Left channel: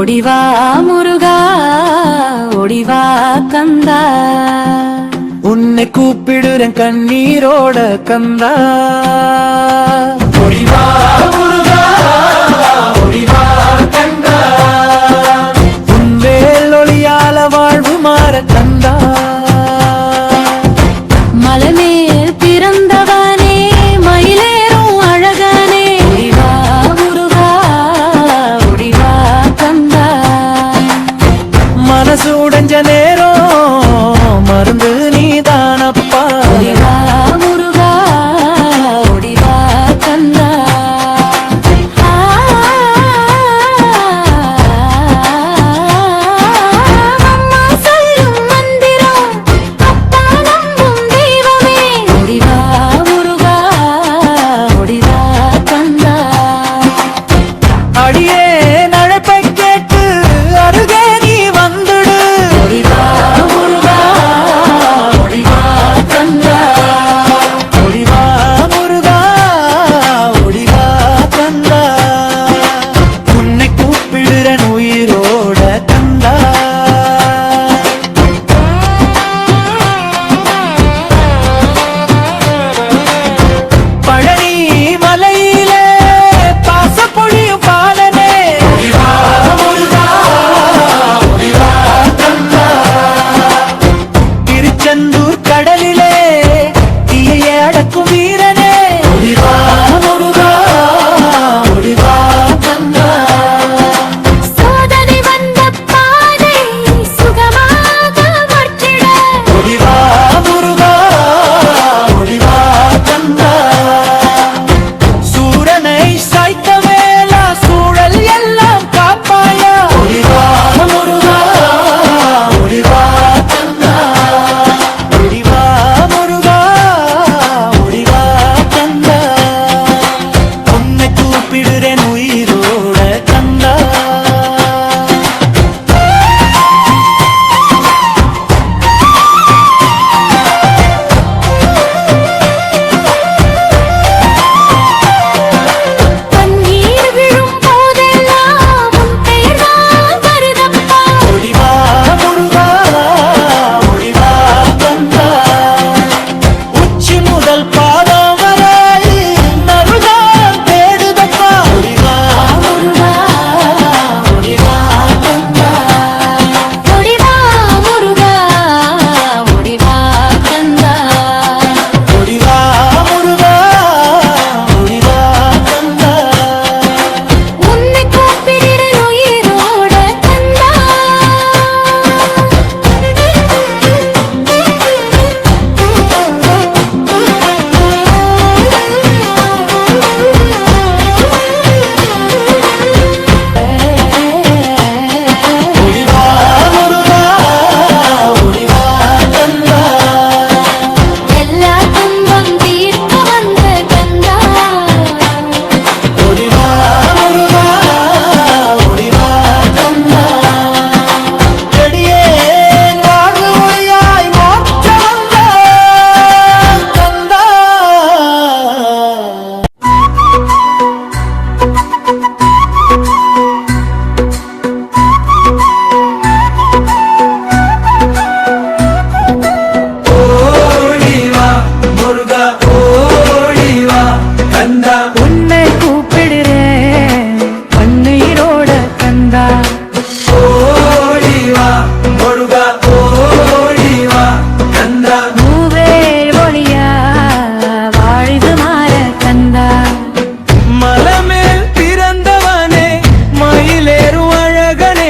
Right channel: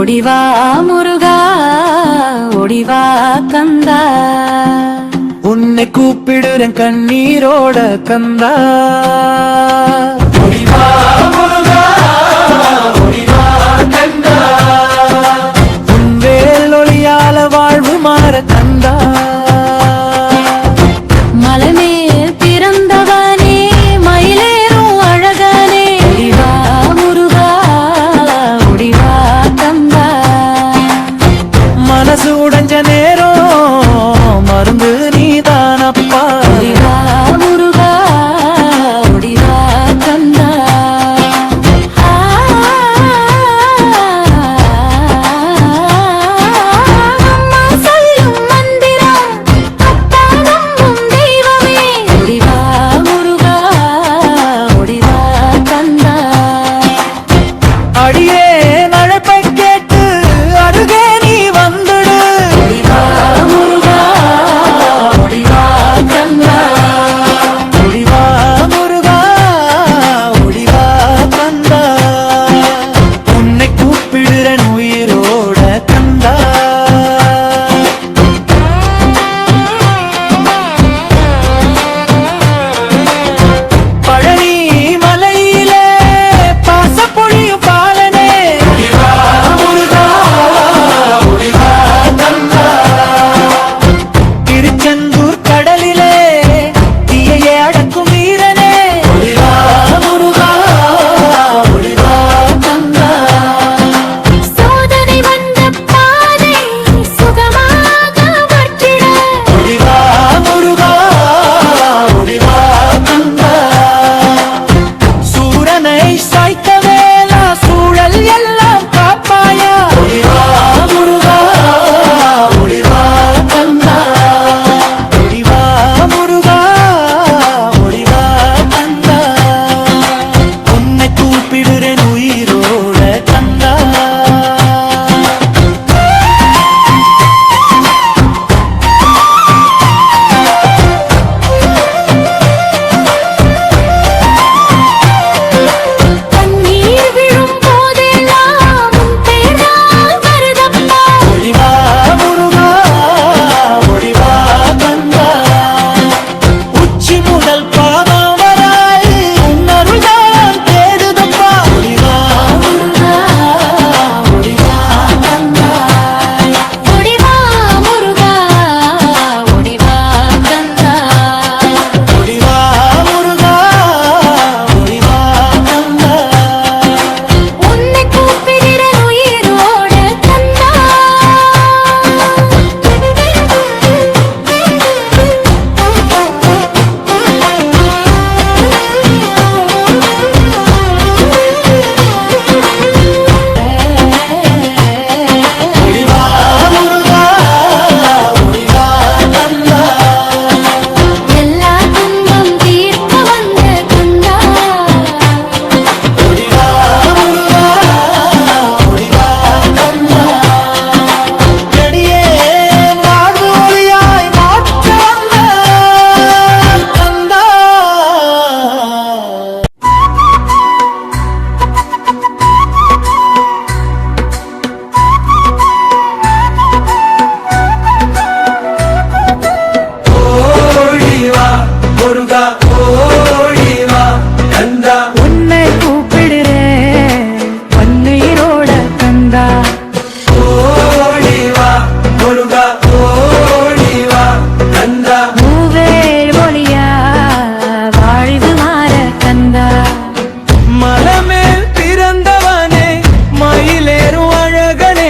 ஒடிவா முருகா ஒடிவா கந்தா. உன்னை கூப்ப கூப்பிடுறேன் கண்ணீரோட கந்தா. கந்தா பூவேல் ஒளியா வாழ்வு மாற கந்தா மலமேல் பிறந்தவனே மயிலேறும் அழகனே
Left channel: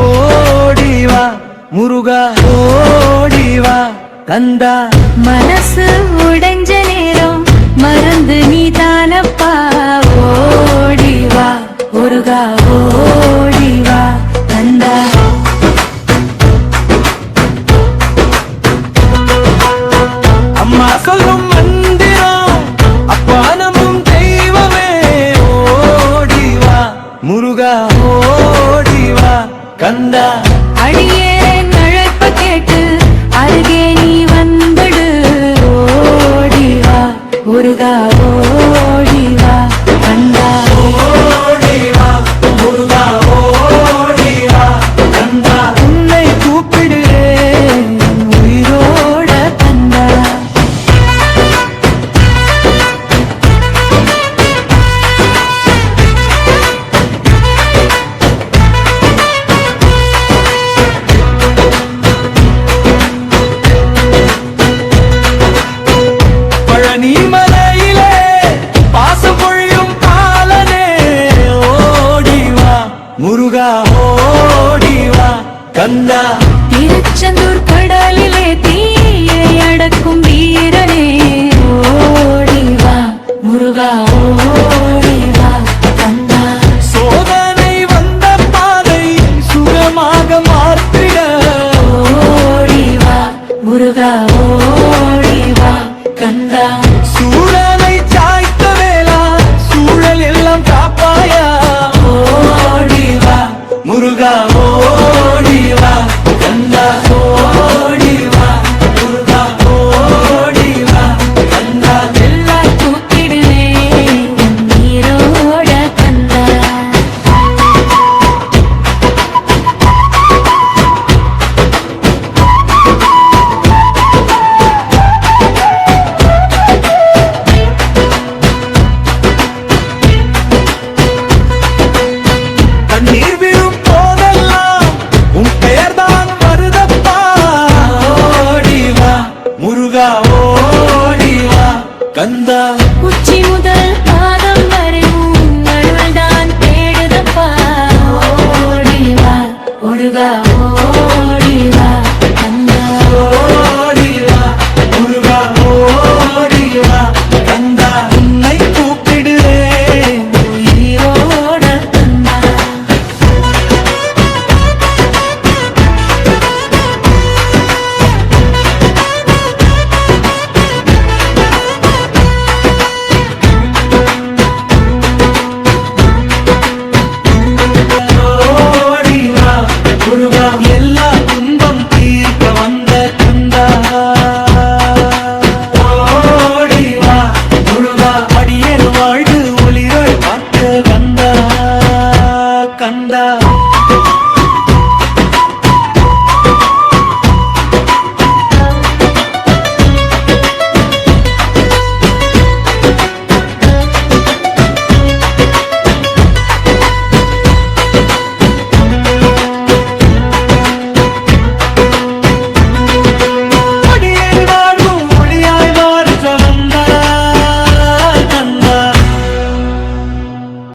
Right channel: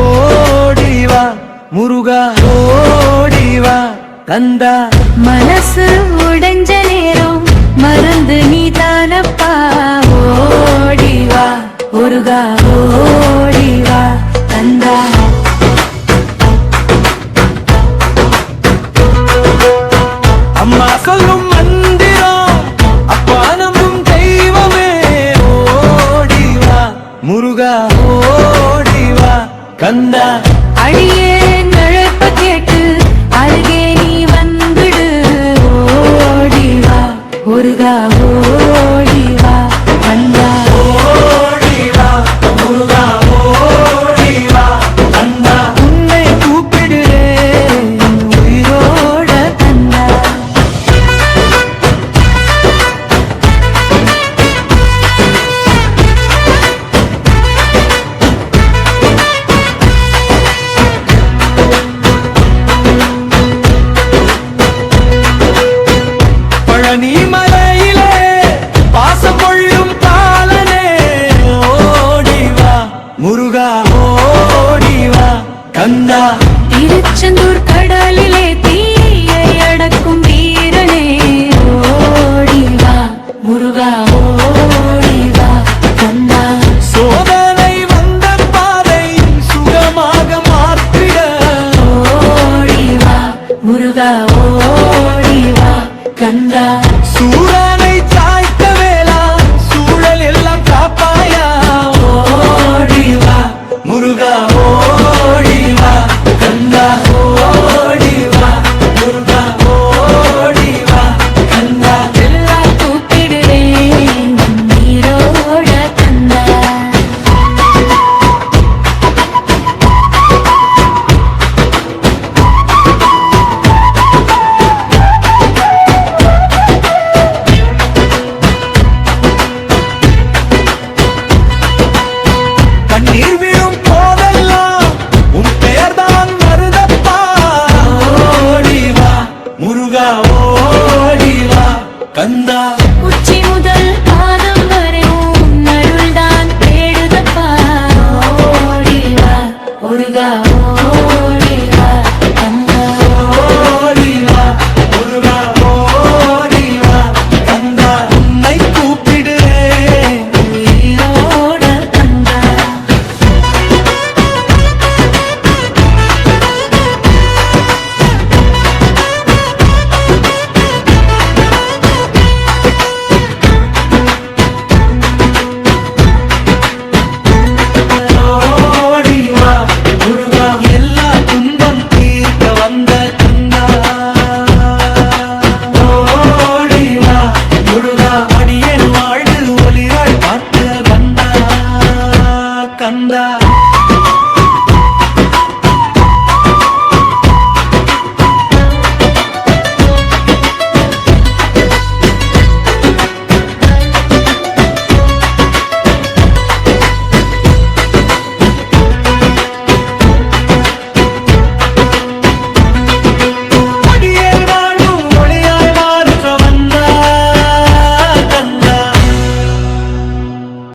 ஓடிவா முருகா ஓடிவா கந்தா மனசு உடைஞ்ச நேரம் மருந்து நீ தானப்பா. ஓடிவா முருகா ஓடிவா கந்தா அம்மா சொல்லும் மந்திரம் அப்பா நம்பும் தெய்வமே ஓடிவா. முருகா ஓடிவா. கந்தா. அடியே நழைப்ப கேட்டு அருகே நீ வந்துடு ஓடிவா. முருகா கனிமலையிலே பாசம் பொழியும் பாலனே ஓடிவா முருகா ஓடிவா கந்தா. திருச்செந்தூர் கடலிலே தீயை அடக்கும் வீ கந்தா உச்சி முதல் பாதம் வரை அருள் தான் தேடுதப்பா. ஓடிவா ஒடுகா ஓடிவா. கந்தா